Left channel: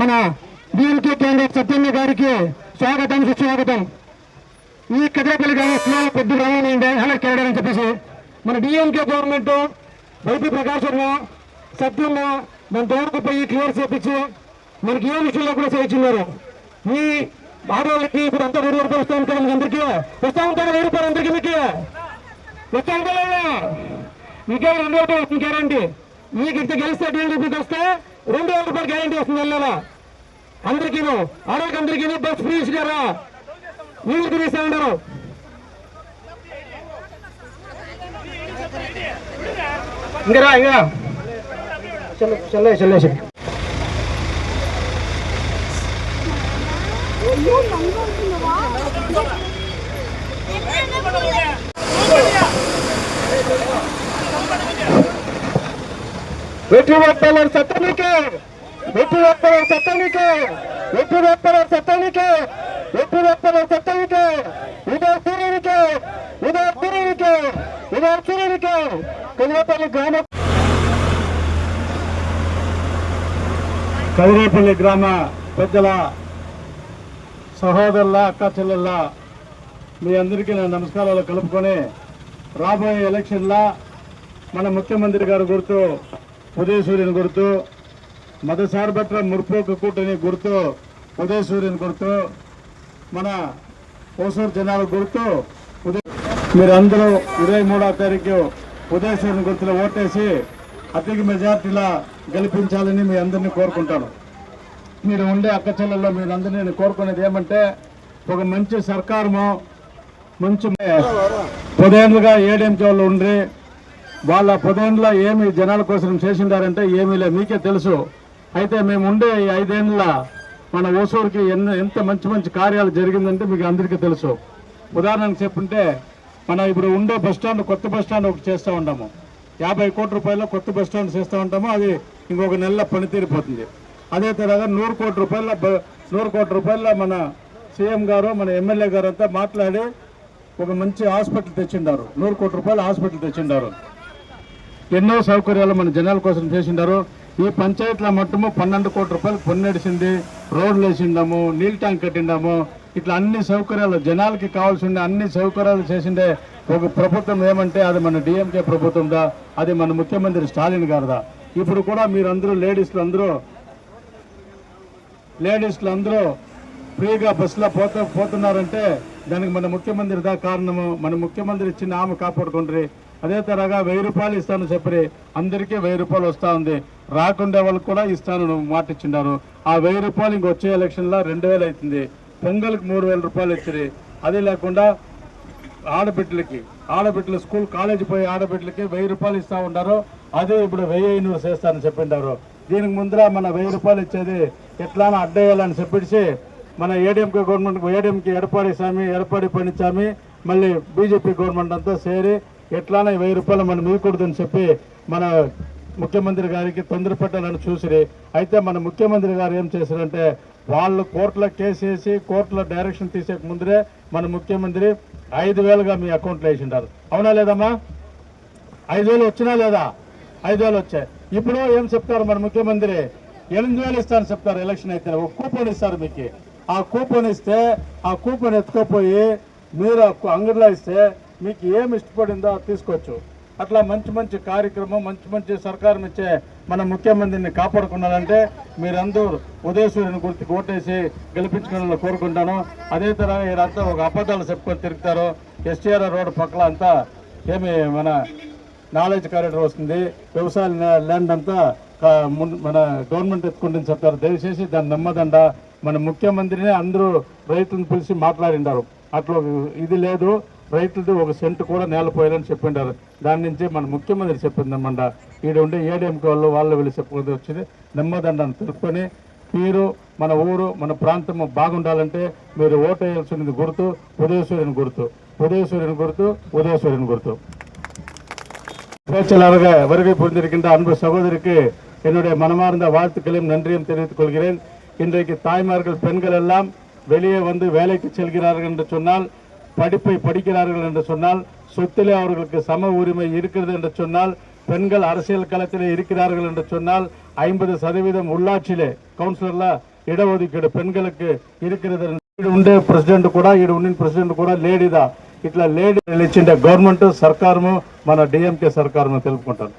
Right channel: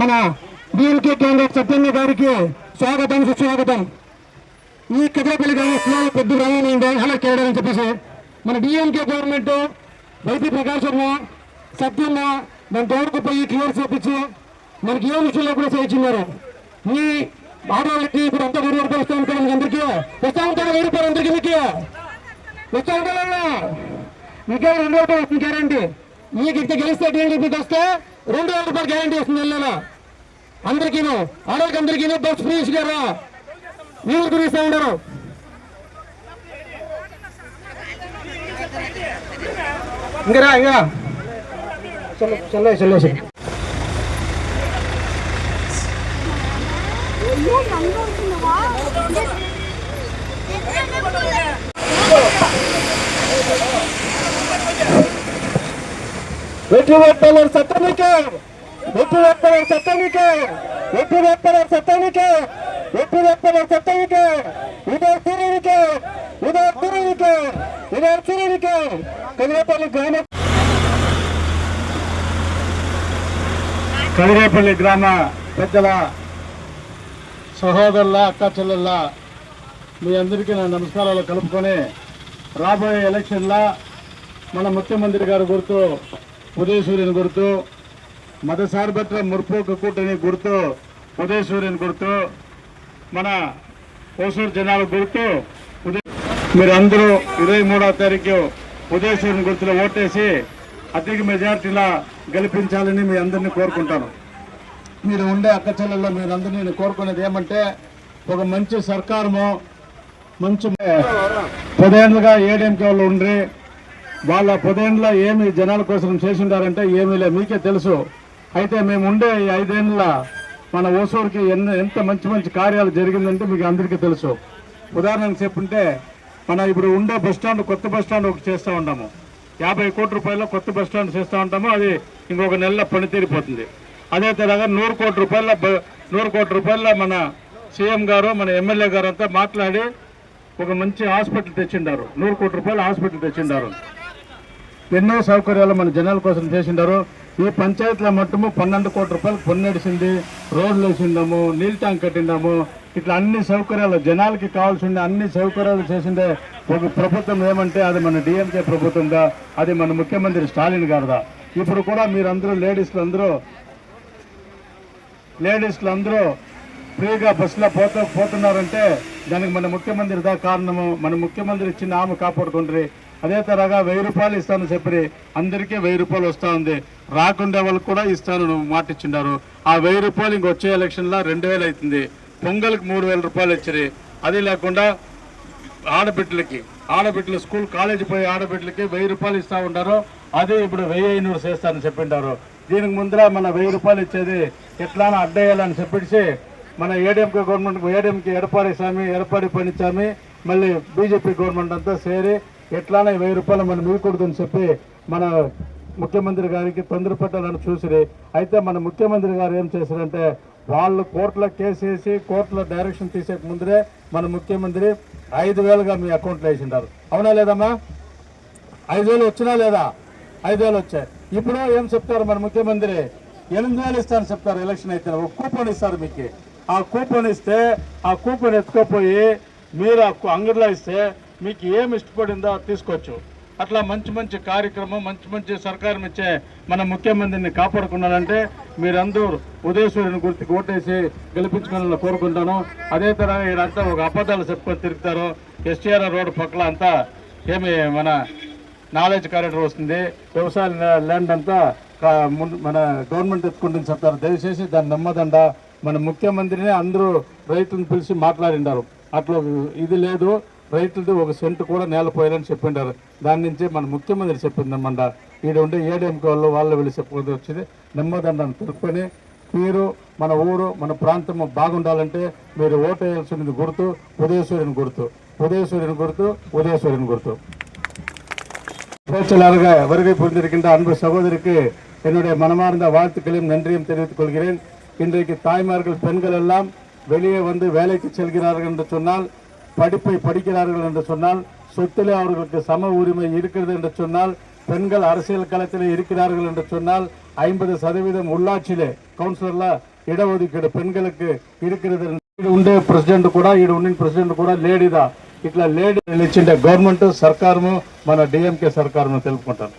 మన DMK candidate సత్యన్న గారికి స్వాగతం సుస్వాగతం. ఈ కదిరేపల్లి గ్రామంలో పెద్ద రావాలండి హైలైట్ చేయడానికి చెప్పేసి మన డిఎంకే గవర్నమెంట్ వైపీ ప్రకాష్ శర్మ సత్యన్న మన దూరకు పోయి క్లియర్ చేపించి మనకి ఏ విషయంలో కూడా చేయించున్నారు. ఈ ఆడవాళ్ళకి ఇప్పుడు అంతా 1000 రూపాయలు వస్తూ ఉంటారు. మీకు అందరికీ వస్తూ ఉంటారు 1000 రూపాయలు అందరికీ మీకు వస్తూ ఉంటారా? మీకే 2 రూపాయలు వస్తుంది గ్యారంటీ. మీకు ఇంత గెలిస్తే 2 రూపాయలు వస్తే 2000 రూపాయలు గ్యారంటీ వస్తుంది నెల అందరికీను. ఆడవాళ్ళకి అందరికీ బస్ ఫ్రీ ఇచ్చారా? మీరు తిరిగిస్తూ ఉంటారు. ఇంకరా ఇంకా చల్లేసి వెట్టి వేట్టాలర్ సత్తానికే, వెట్టి వేట్టాలర్ సత్తానికే, వెట్టి వేట్టాలర్ సత్తానికే, వెట్టి వేట్టాలర్ సత్తానికే, ఉదర్ తిరిగికే, ఉదర్ తిరిగికే, ఉదర్ తిరిగికే. కదిరేపల్లి గ్రామ పెద్దల సహోదరుల అక్క చెల్లెళ్ళ మీ అందరికీ నా నమస్కారాలు కలుపుకొని రాబోయే ఎలక్షన్లో మన ముఖ్యమంత్రి గారు గుర్తు ఉదయసూర్యుని గుర్తు, మతసార్వత్ర ముర్పోక కూటమి గుర్తు ఉదయసూర్యుని గుర్తు, మన ఓసూరు జనాల గుర్తు మీరందరూ 23వ తారీఖు ఉదయసూర్యుని గుర్తులో ఓటేసి అధిక మెజార్టీలా గెలిపించాలని మీ అందరినీ కోరుకుంటాను. మీరు ఉండే అక్క చెల్లెల్లో మీరందరినీ నేను కోరుకునేది ఏమంటే ఒక మంచి సర్కారము మంచి 10 ఏళ్ళుగా ఏడీఎంకే వాళ్ళు ఉండి వాళ్ళ 10 ఏళ్ళలో ఏమి జనాల కోసం చేసిండారంటే ఏమీ లేదు, మీకే తెలుసు. అయితే మేము ఉండే ఈ 5 ఏళ్ళ మన ఓసూరుకి ఎంత మంచి మంచి కార్యాలు జరిగిందంటే మీకు అందరికీ తెలుసు. ఉదాహరణకు చెప్పుంటే మన ఇప్పుడు ఉండే బస్టాండ్ కొత్త బస్టాండ్ ఒకటి చేస్తూ ఉంటాము. 50 కోట్ల రూపాయల్లో కొత్త బస్టాండ్ చేస్తూ ఉంటాము. అది ఇంకొక నెలలో పనితీరిపోతుంది. అదే తరగా 100 కోట్ల రూపాయల మన సీఎం గారు మన ఎమ్మెల్యే గారు అంతా మాట్లాడి ఒక మంచి హాస్పిటల్ తెచ్చిండారు. 100 కోట్ల రూపాయల హాస్పిటల్ తెచ్చిండారు. ఎన్నో సౌకర్యాలు మన జనాల కోసం చేసిండారు. ఈ పంచాయతీల మట్టుము 12 కోట్ల రూపాయలు పొన్నడిసింది, రోడ్లు వేసిండాము, నీళ్ళ ట్యాంక్ కట్టిండాము. ఇట్లా అన్ని సౌకర్యాలు జనాలకి కావాల్సిన అన్ని సౌకర్యాలు చేసిండే ఒక ప్రభుత్వం ఏమంటే అది మన డిఎంకే ప్రభుత్వందా, అది మన ముఖ్యమంత్రి స్టాలిన్ గారుదా. ఇప్పుడు కూడా మీరందరూ లేడీస్లు అందరూ ఫ్రీగా బస్సులో పోతున్నారంటే దానికి మన ముఖ్యమంత్రి దా కారణము. మన ముఖ్యమంత్రి ఇచ్చిన ఆమె కాపాడుకుంటారు. అదే తరగా 1000 రూపాయలు ఇస్తాను చెప్పి అందరికీ 1000 రూపాయలు వస్తూ ఉంది. రాకుండే వాళ్ళకి కూడా ఇస్తాను మాట ఇచ్చిండారు. ఆ 1000 రూపాయలు ఇంకొచ్చే ఎలక్షన్లో 2000 అవుతుంది. పొంగల్కి 3000 రూపాయలు ఇచ్చారు. అది లేకుండా ఆడబిడ్డలు స్కూల్ కాలేజీ పోయి ఆడబిడ్డలకి 1000 రూపాయలు ఇస్తూ ఉంటారు. అదే ఇప్పుడు 1500 చేస్తారని చెప్పింటారు. దీనికి ముందర మన 1000 రూపాయలు ఇచ్చేది ఎట్లానో అడ్డేయాలని చెప్పేసి మన ఏడీఎంకే గవర్నమెంట్ ఏడీఎంకే ఎడపాడి పనిచామి మళ్ళీ బీజేపీ గవర్నమెంట్ అంతా సేరి ఎట్లానో 1000 రూపాయలు మనం ఇవ్వకూడదని చెప్పి మన ముఖ్యమంత్రి గారికి తొందరపెట్టాలని చూసిరి. అయితే మన ముఖ్యమంత్రి గారు ఏం చేశారంటే వాళ్ళు కోర్టులో కేసు వేసి కోర్టులో డైరెక్షన్ తీసే ముందరే మన ముఖ్యమంత్రి 5000గా మీ అకౌంట్లో వేసిండారు. అవునా లేదమ్మా? 5000 వచ్చినా లేదా? 5000 వచ్చాయి. ఇప్పుడు ఏం చెప్తారు మన ముఖ్యమంత్రి? 8000 ఇస్తారని చెప్తారు. ఎలక్షన్ అయితే ఒక కూపన్ ఇస్తారు మీకు. ఆ కూపన్ ఇస్తే ఆ కూపన్ ఎత్తుకోపోయి మీరు అంగడిలో ఇస్తే మీకు ఏం ఇష్టపడిందో తీసుకోవచ్చు. అట్లా మంచి మంచి కార్యక్రమం మంచి సర్కారం ఇచ్చే మన ముఖ్యమంత్రిని కాపాడుకున్నారంటే మీరందరూ ఉదయసూర్యుని గుర్తుకు ఓటేసి గెలిపించుకోవాలని కోరుకుంటాను. అదే తరహా ఈడంతా ఒక అబద్ధాలు చెప్పుకొని తిరుగుతారు. ఎస్టీఆర్ రోడ్డు పక్కల అంతా ఏమి మన నాలెడ్జ్ కారిడార్ వస్తుంది, వ్యవసాయ ల్యాండ్ అంతా మన గవర్నమెంట్ ఎత్తుకుంటుంది చెప్తారు. దయచేసి దాన్ని నమ్మదండ. మన ముఖ్యమంత్రిని అందరూ రైతులను పిలిచి మాట్లాడిండారు. అట్లా ఇది లేదు, రైతులది 1 సెంటు కూడా నేలపోయారని చెప్పిండారు. దాని నుంచి మన ముఖ్యమంత్రి చెప్పిందన్నమాట. ఈడ ఉండే ఏడీఎంకే వాళ్ళు వీళ్ళు చెప్పుకుంటూ వచ్చింది. నమ్మదండాన్ని తెలుపుకొని మీరు మన ఊరు మన ప్రాంతము బాగుండాలంటే మీరు ఓటు వేయాల్సినది గుర్తు ఉదయసూర్యుని గుర్తు, ఉదయసూర్యుని గుర్తు, உதயசூரியன் గుర్తు. பேச்சாளராக வருகை புரிந்திருக்கின்ற அன்பு சகோதரிக்கு என்னுடைய மனமார்ந்த வாழ்த்துக்களையும் நன்றியும் தெரிவித்துக் கொள்கிறேன். இன்றைக்கு தாய்மார்கள் பெண்கள் எல்லாம் வெளியே வந்து வேலைக்கு செல்கிறார்கள் என்று சொன்னால், படிப்பை படிக்கிறார்கள் என்று சொன்னால், சொத்திலே அவர்களுக்கு சம உரிமை இருக்கிறது என்று சொன்னால், பெண்கள் அரசியல் களத்தில் இருக்கிறார்கள் என்று சொன்னால், 50% உள்ளாட்சியிலே கவுன்சிலர்ல இடஒதுக்கீடு பெண்களுக்கு இருக்கிறது. ఉండే ప్రెసిడెంట్ కూడా ఉండిన ప్రెసిడెంట్ కూడా లేడీదా. ఇట్లా లేడీ ఇచ్చిండే గవర్నమెంట్ సర్కారము మన డిఎంకే సర్కారము తెలుపుకుంటారు.